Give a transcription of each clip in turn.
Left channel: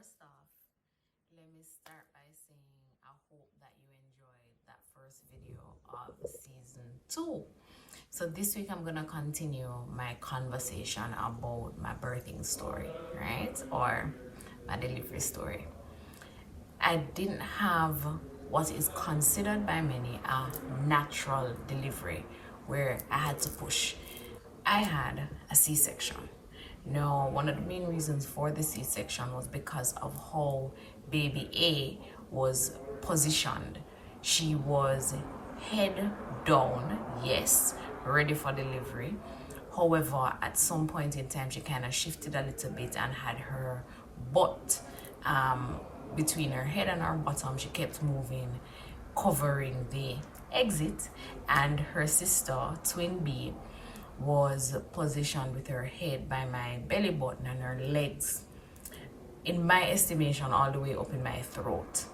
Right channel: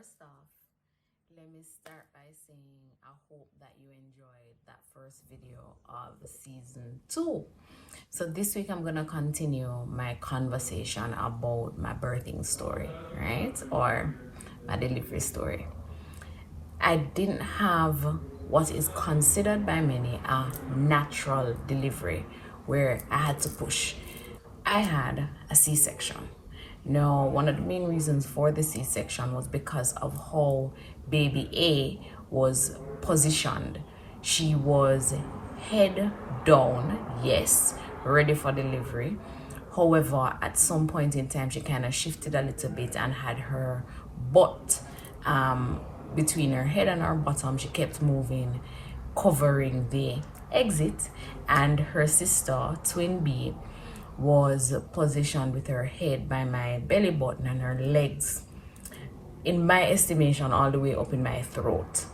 First off, let me start by saying I hope that you enjoyed that first video of season 2. So this week I'm gonna continue my conversation about my birthing story, right? Or my delivery story. I didn't have what is considered by many a natural delivery where I had to push. I had a C-section. Now, one of the main reasons for the C-section was because of how baby A was positioned. She was head down, yes, ready for delivery. However, at some point in time, she kind of shifted a little bit and had her butt between her head and her bottom. She kept moving, covering the exit, and her sister, twin B, was positioned with her head by my belly button and her legs, in my estimation, all the way up in my throat.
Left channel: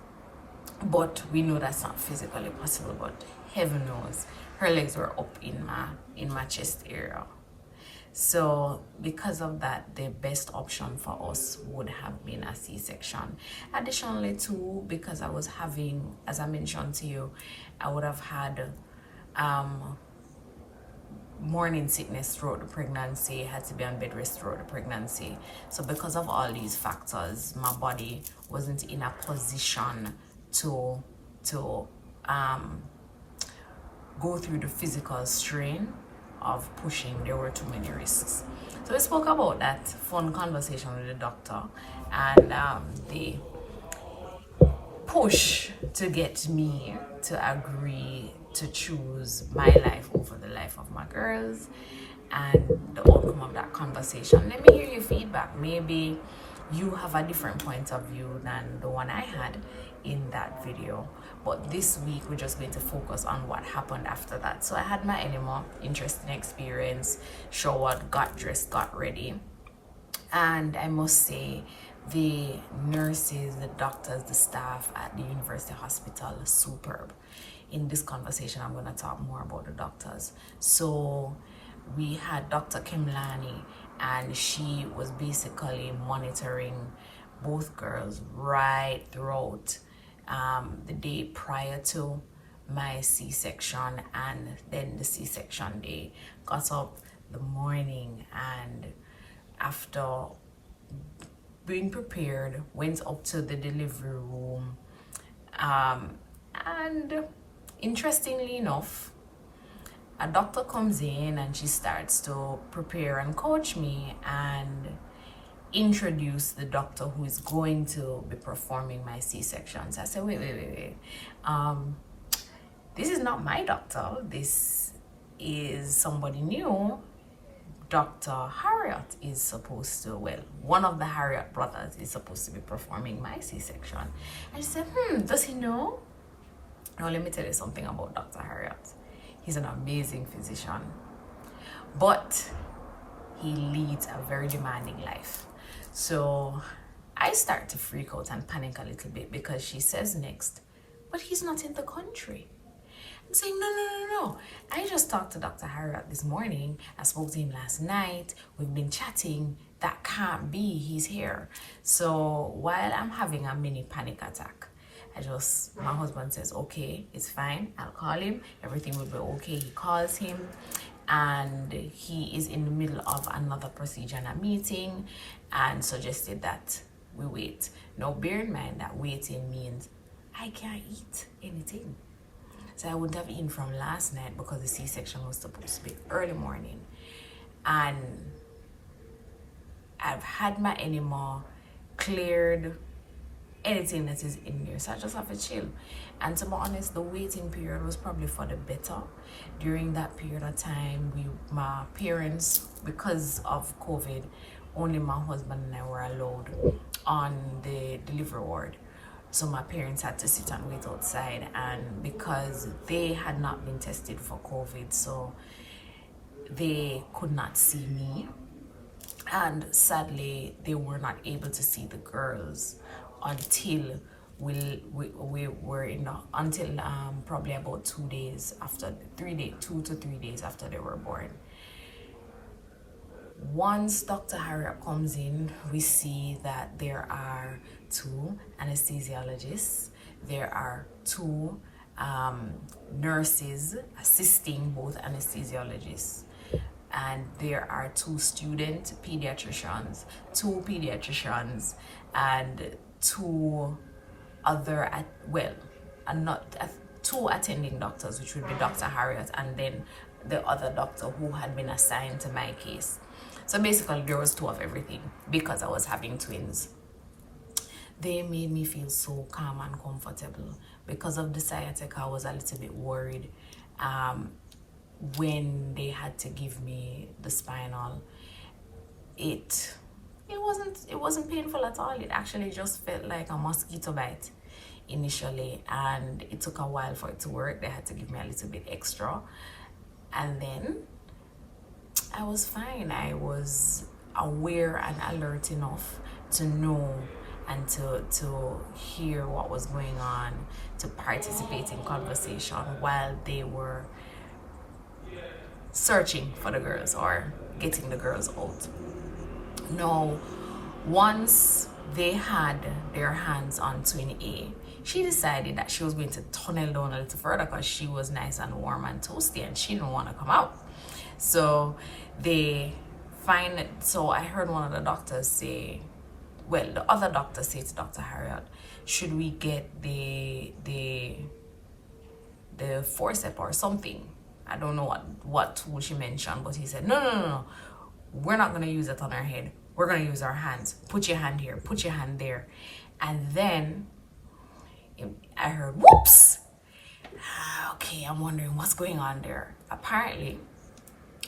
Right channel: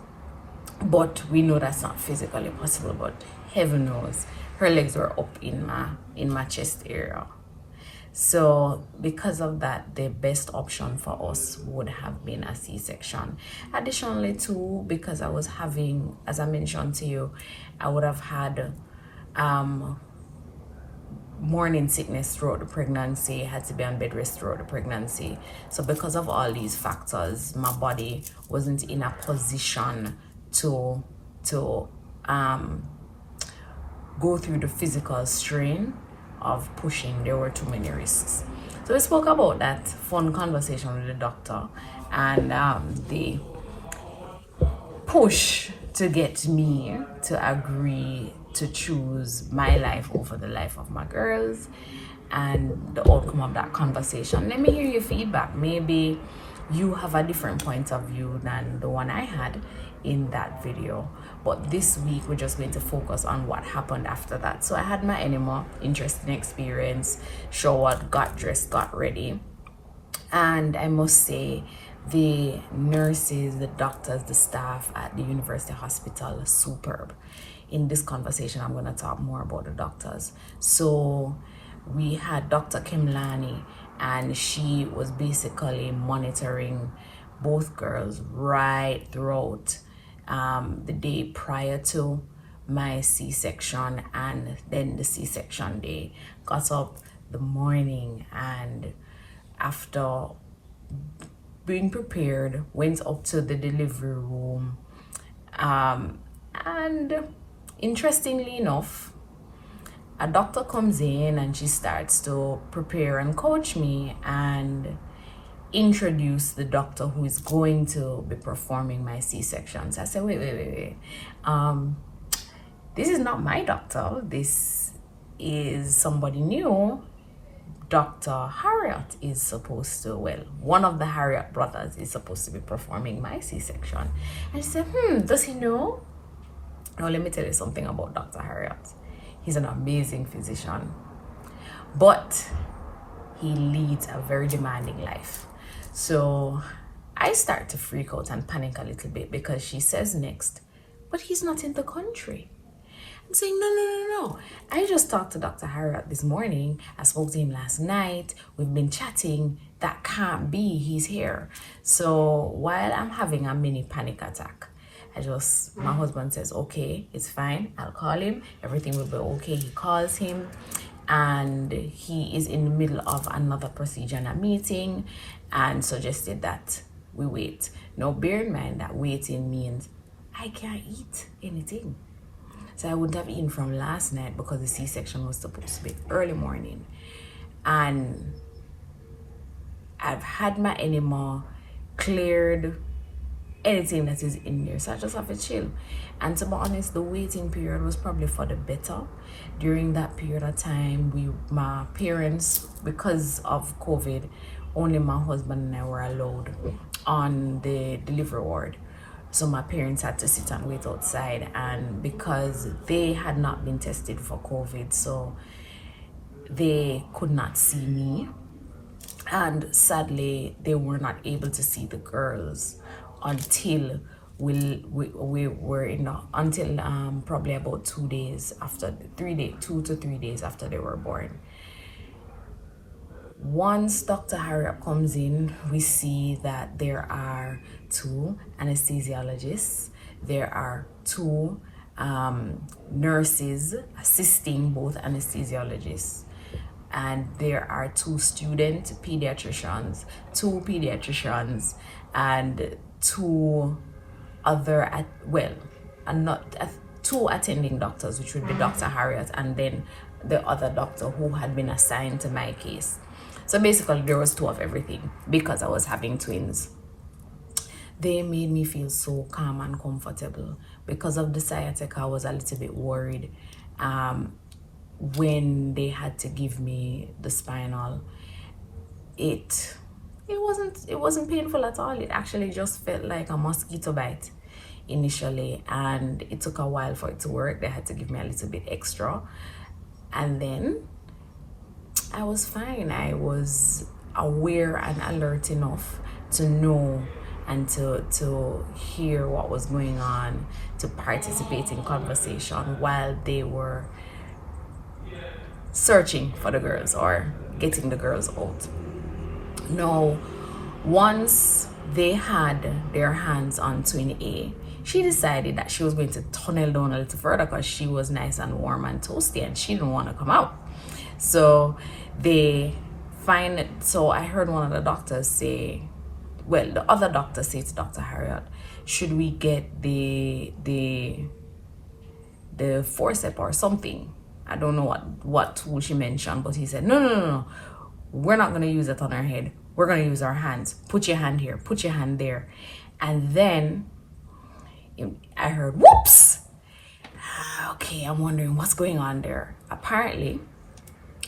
But we know that's not physically possible, but heaven knows her legs were up in my chest area. So because of that, the best option for us would have been a C-section. Additionally too, because I was having, as I mentioned to you, I would have had morning sickness throughout the pregnancy, had to be on bed rest throughout the pregnancy. So because of all these factors, my body wasn't in a position to go through the physical strain of pushing. There were too many risks. So we spoke about that fun conversation with the doctor and the push to get me to agree to choose my life over the life of my girls, and the outcome of that conversation. Let me hear your feedback. Maybe you have a different point of view than the one I had in that video, but this week we're just going to focus on what happened after that. So I had my enema, interesting experience, showered, got dressed, got ready, and I must say the nurses, the doctors, the staff at the university hospital, superb. In this conversation, I'm going to talk more about the doctors. So we had Dr. Kimlani, and she was basically monitoring both girls right throughout the day prior to my C-section and then the C-section day. Got up the morning, and after being prepared, went up to the delivery room, and interestingly enough, a doctor comes in and she starts to prepare and coach me and introduce the doctor who is going to be performing my C-sections. I said, wait. This is not my doctor. This is somebody new. Dr. Harriet is supposed to, well, one of the Harriet brothers is supposed to be performing my C-section. And she said, does he know? Now, let me tell you something about Dr. Harriet. He's an amazing physician, but he leads a very demanding life. So I start to freak out and panic a little bit because she says next, but he's not in the country. I'm saying, no. I just talked to Dr. Harriet this morning. I spoke to him last night. We've been chatting. That can't be. He's here. So while I'm having a mini panic attack, my husband says, okay, it's fine. I'll call him. Everything will be okay. He calls him, and he is in the middle of another procedure and a meeting, and suggested that we wait. Now, bear in mind that waiting means I can't eat anything. So I wouldn't have eaten from last night because the C-section was supposed to be early morning. And I've had my enema cleared, anything that is in there. So I just have to chill. And to be honest, the waiting period was probably for the better. During that period of time, my parents, because of COVID, only my husband and I were allowed on the delivery ward. So my parents had to sit and wait outside, and because they had not been tested for COVID, so they could not see me, and sadly they were not able to see the girls until we were until probably about 2 days after 2 to 3 days after they were born. Once Dr. Harriet comes in, we see that there are 2 anesthesiologists, there are 2 nurses assisting both anesthesiologists, and there are 2 student pediatricians, 2 pediatricians, and 2 other not 2 attending doctors, which would be Dr. Harriet and then the other doctor who had been assigned to my case. So basically there was 2 of everything because I was having twins. They made me feel so calm and comfortable. Because of the sciatica, I was a little bit worried when they had to give me the spinal. It wasn't painful at all. It actually just felt like a mosquito bite initially, and it took a while for it to work. They had to give me a little bit extra, and then I was fine. I was aware and alert enough to know and to hear what was going on, to participate in conversation while they were searching for the girls or getting the girls out. Now, once they had their hands on twin A, she decided that she was going to tunnel down a little further because she was nice and warm and toasty and she didn't want to come out. So I heard one of the doctors say, well, the other doctor said to Dr. Harriet, should we get the forceps or something? I don't know what tool she mentioned, but he said, no. We're not going to use it on our head. We're going to use our hands. Put your hand here. Put your hand there. And then I heard, whoops. Okay, I'm wondering what's going on there. Apparently,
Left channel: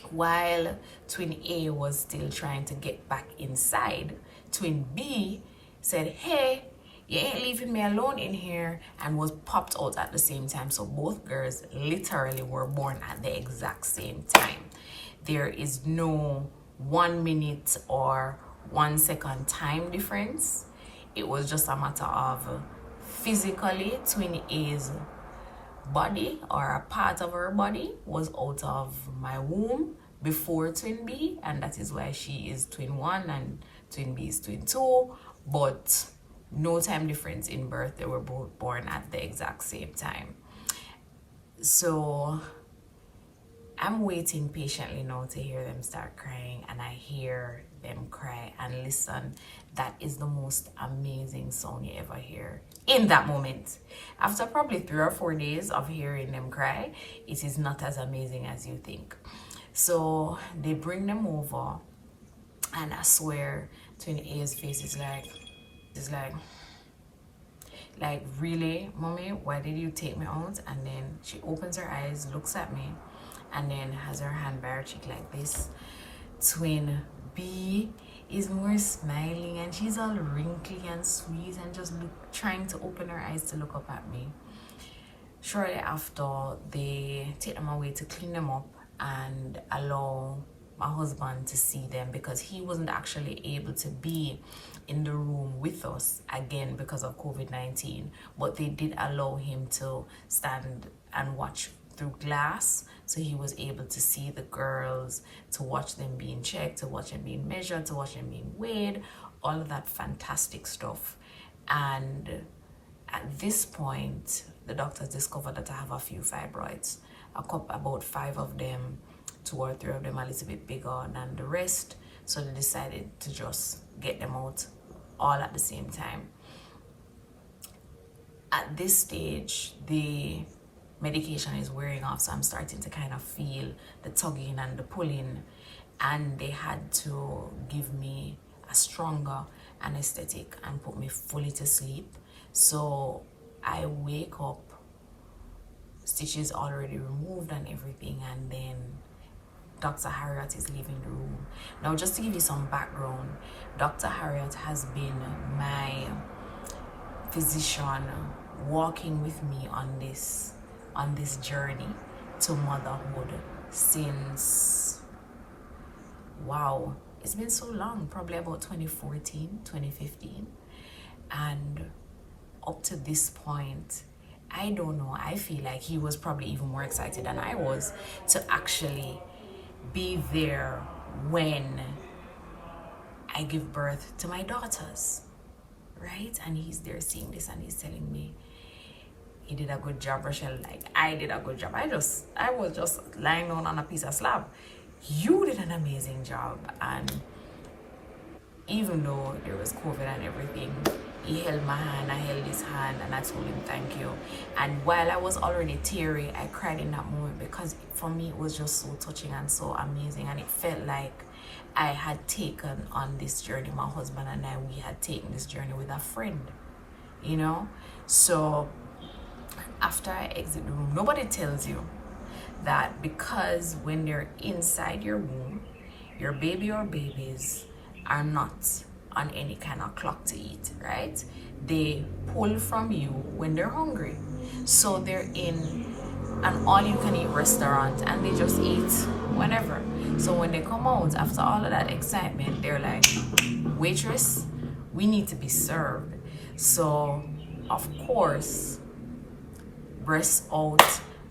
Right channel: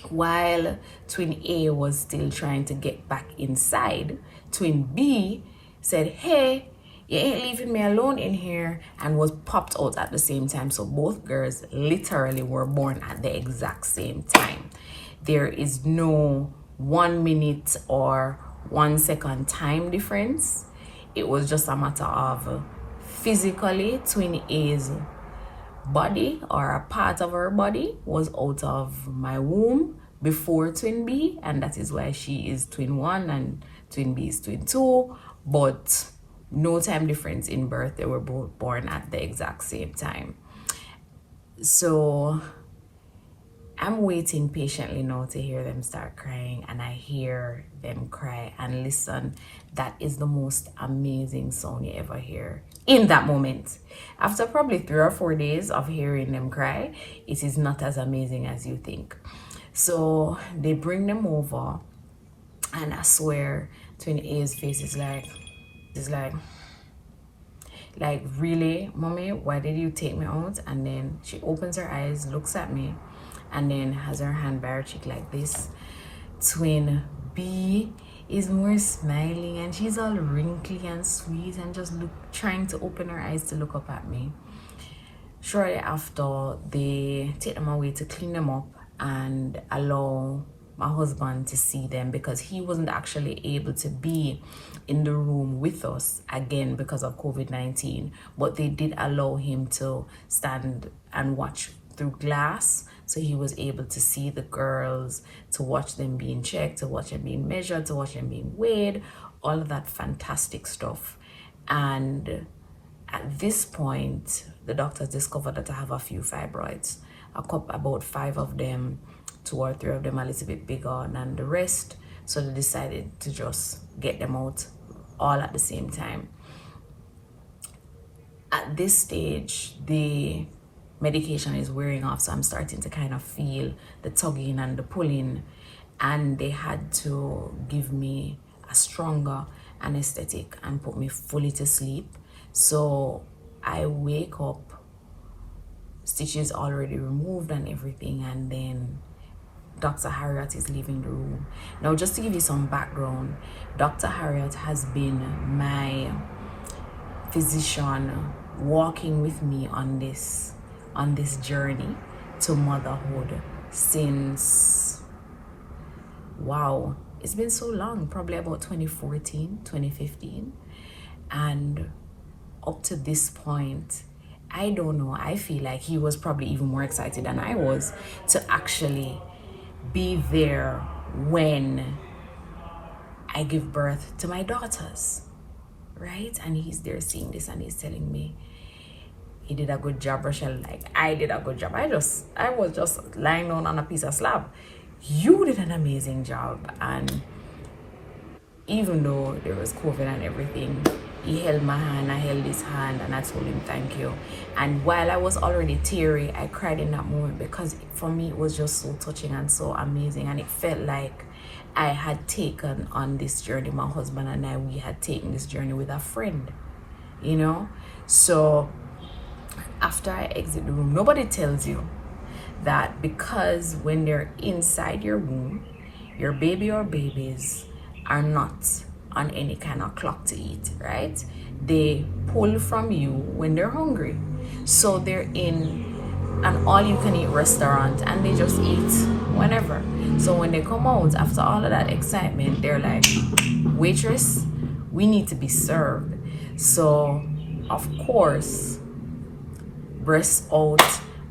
while twin A was still trying to get back inside, twin B said, hey, you ain't leaving me alone in here, and was popped out at the same time. So both girls literally were born at the exact same time. There is no 1 minute or 1 second time difference. It was just a matter of physically twin A's body or a part of her body was out of my womb before twin B, and that is why she is twin 1 and twin B is twin 2, but no time difference in birth. They were both born at the exact same time. So I'm waiting patiently now to hear them start crying, and I hear them cry, and listen, that is the most amazing sound you ever hear in that moment. After probably 3 or 4 days of hearing them cry, it is not as amazing as you think. So they bring them over, and I swear twin A's face is like, really, mommy, why did you take me out? And then she opens her eyes, looks at me, and then has her hand by her cheek like this. Twin B is more smiling, and she's all wrinkly and sweet and just trying to open her eyes to look up at me. Shortly after, they take them away to clean them up and allow my husband to see them, because he wasn't actually able to be in the room with us again because of COVID-19, but they did allow him to stand and watch through glass, so he was able to see the girls, to watch them being checked, to watch them being measured, to watch them being weighed, all of that fantastic stuff. And at this point, the doctors discovered that I have a few fibroids, about 5 of them, 2 or 3 of them a little bit bigger than the rest. So they decided to just get them out all at the same time. At this stage, the medication is wearing off, so I'm starting to kind of feel the tugging and the pulling, and they had to give me a stronger anesthetic and put me fully to sleep. So I wake up, stitches already removed and everything, and then Dr. Harriet is leaving the room. Now, just to give you some background, Dr. Harriet has been my physician walking with me on this journey to motherhood since, wow, it's been so long, probably about 2014, 2015. And up to this point, I don't know, I feel like he was probably even more excited than I was to actually be there when I give birth to my daughters, right? And he's there seeing this and he's telling me, he did a good job, Rochelle. Like, I did a good job. I was just lying down on a piece of slab. You did an amazing job. And even though there was COVID and everything, he held my hand, I held his hand, and I told him thank you. And while I was already teary, I cried in that moment because for me it was just so touching and so amazing, and it felt like I had taken on this journey. My husband and I, we had taken this journey with a friend, you know. So after I exit the room, nobody tells you that because when they're inside your womb, your baby or babies are not on any kind of clock to eat, right? They pull from you when they're hungry. So they're in an all-you-can-eat restaurant and they just eat whenever. So when they come out after all of that excitement, they're like, waitress, we need to be served. So of course, breasts out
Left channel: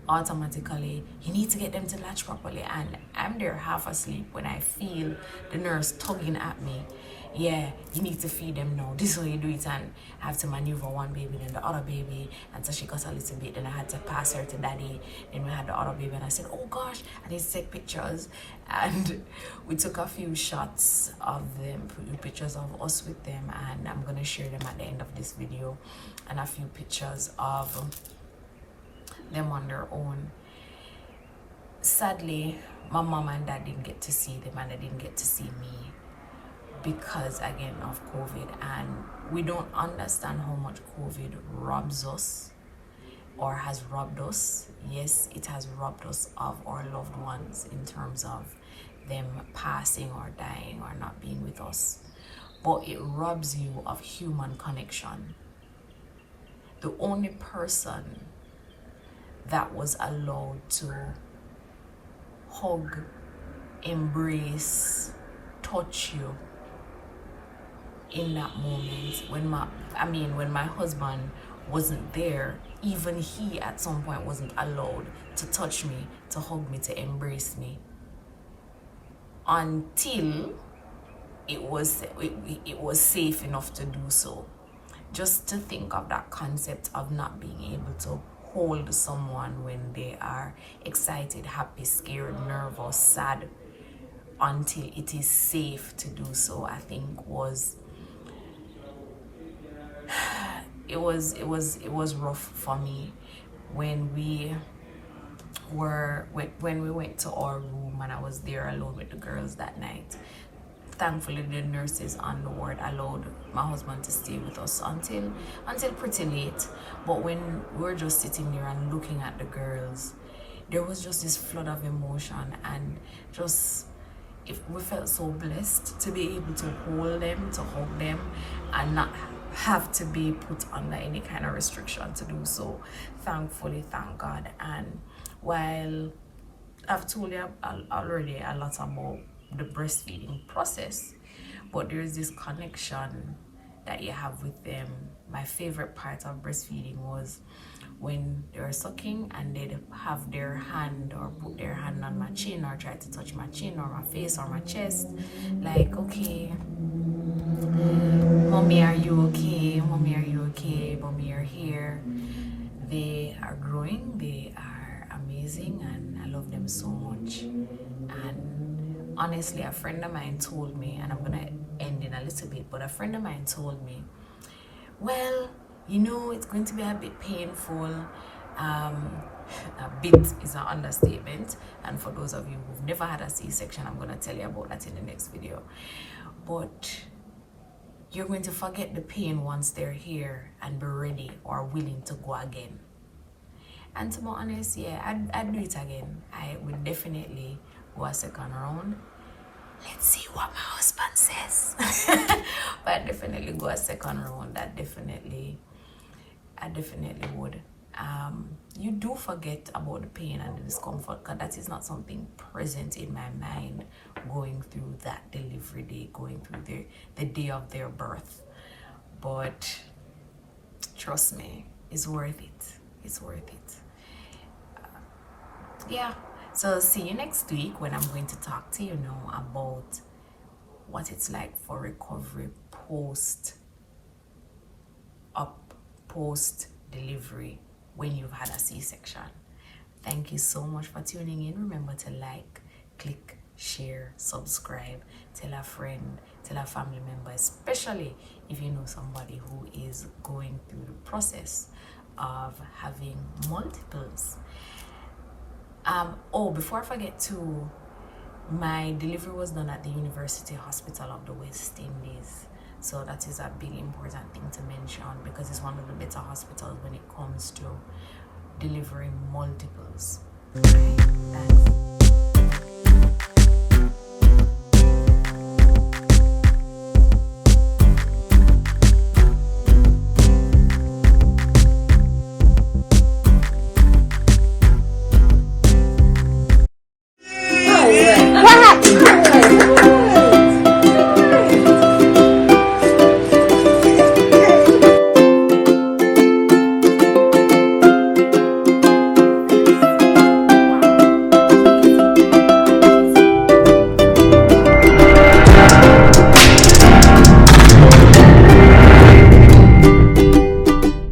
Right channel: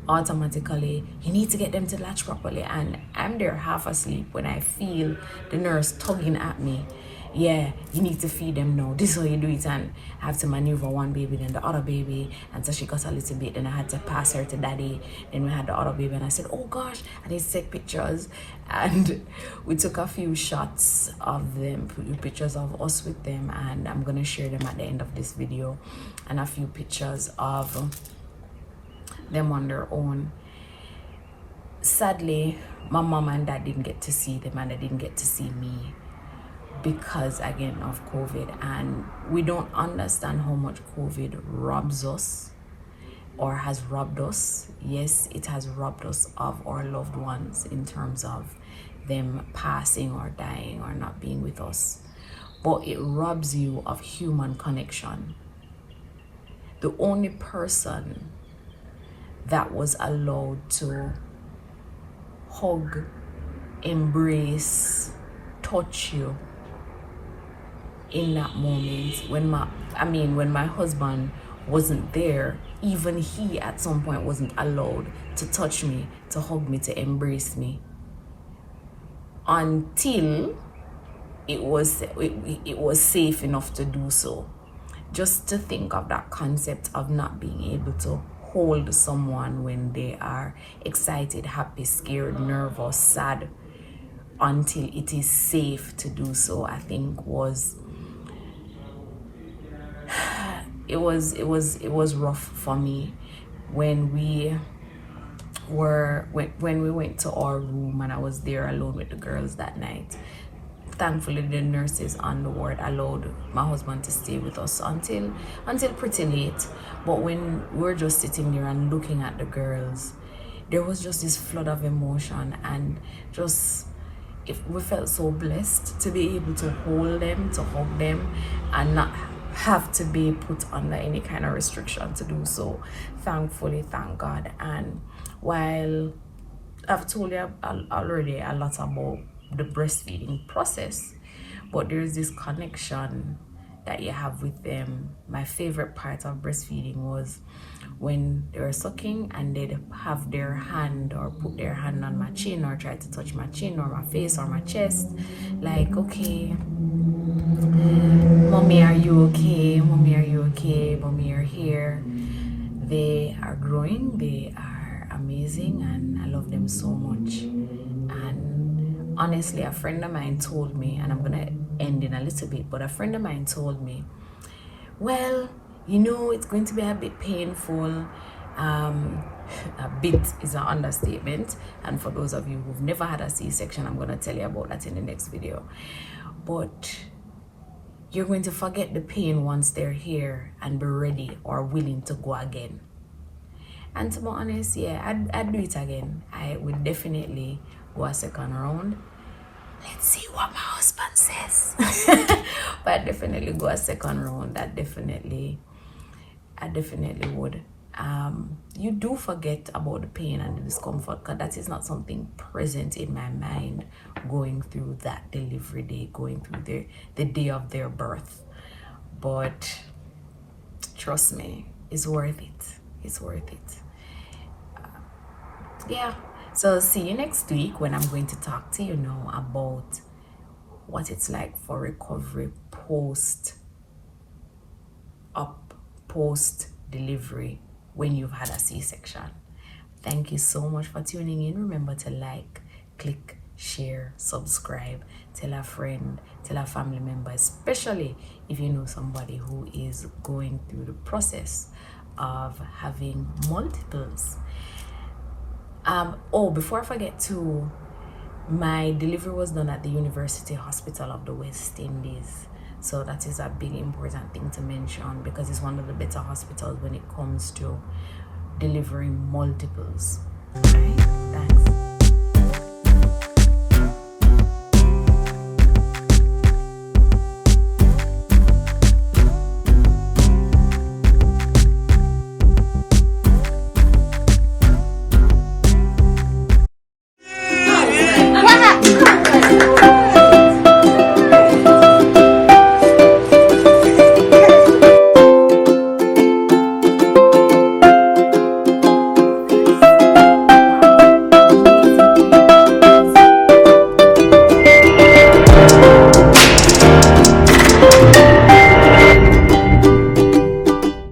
automatically, you need to get them to latch properly. And I'm there half asleep when I feel the nurse tugging at me. Yeah, you need to feed them now. This is how you do it. And I have to maneuver one baby, then the other baby. And so she got a little bit. Then I had to pass her to daddy. Then we had the other baby. And I said, oh gosh, I need to take pictures. And we took a few shots of them, pictures of us with them. And I'm going to share them at the end of this video. And a few pictures of them on their own. Sadly, my mom and dad didn't get to see them, and they didn't get to see me because again of COVID. And we don't understand how much COVID robs us or has robbed us. Yes, it has robbed us of our loved ones in terms of them passing or dying or not being with us, but it robs you of human connection. The only person that was allowed to hug, embrace, touch you in that moment when my husband wasn't there, even he at some point wasn't allowed to touch me, to hug me, to embrace me, until it was safe enough to do so. Just to think of that concept of not being able to hold someone when they are excited, happy, scared, nervous, sad, until it is safe to do so, I think was rough for me when we went to our room and I was there alone with the girls that night. Thankfully, the nurses on the ward allowed my husband to stay with us until pretty late. But when we were just sitting there and looking at the girls, there was just this flood of emotion, and we felt so blessed to be able to hold them, to hug them, and not have to be put under any kind of restriction to do so. Thankfully, thank God. And while I've told you already a lot about the breastfeeding process, but there's this connection that you have with them. My favorite part of breastfeeding was when they were sucking and they'd have their hand or put their hand on my chin or try to touch my chin or my face or my chest, like, okay, mommy, are you okay? Mommy, are you okay? Mommy, you're here. They are growing, they are amazing, and I love them so much. And honestly, a friend of mine told me, and I'm gonna end in a little bit, but a friend of mine told me, well, you know, it's going to be a bit painful. A bit is an understatement, and for those of you who've never had a C-section, I'm going to tell you about that in the next video. But you're going to forget the pain once they're here and be ready or willing to go again. And to be honest, yeah, I'd do it again. I would definitely go a second round. Let's see what my husband says. But I'd definitely go a second round. I definitely would. You do forget about the pain and the discomfort, because that is not something present in my mind going through that delivery day, going through the day of their birth. But trust me, it's worth it. It's worth it. Yeah. So see you next week when I'm going to talk to you now about what it's like for recovery post delivery when you've had a C-section. Thank you so much for tuning in. Remember to like, click, share, subscribe, tell a friend, tell a family member, especially if you know somebody who is going through the process of having multiples. Before I forget to, my delivery was done at the University Hospital of the West Indies. So that is a big important thing to mention, because it's one of the better hospitals when it comes to delivering multiples. Right? Thanks.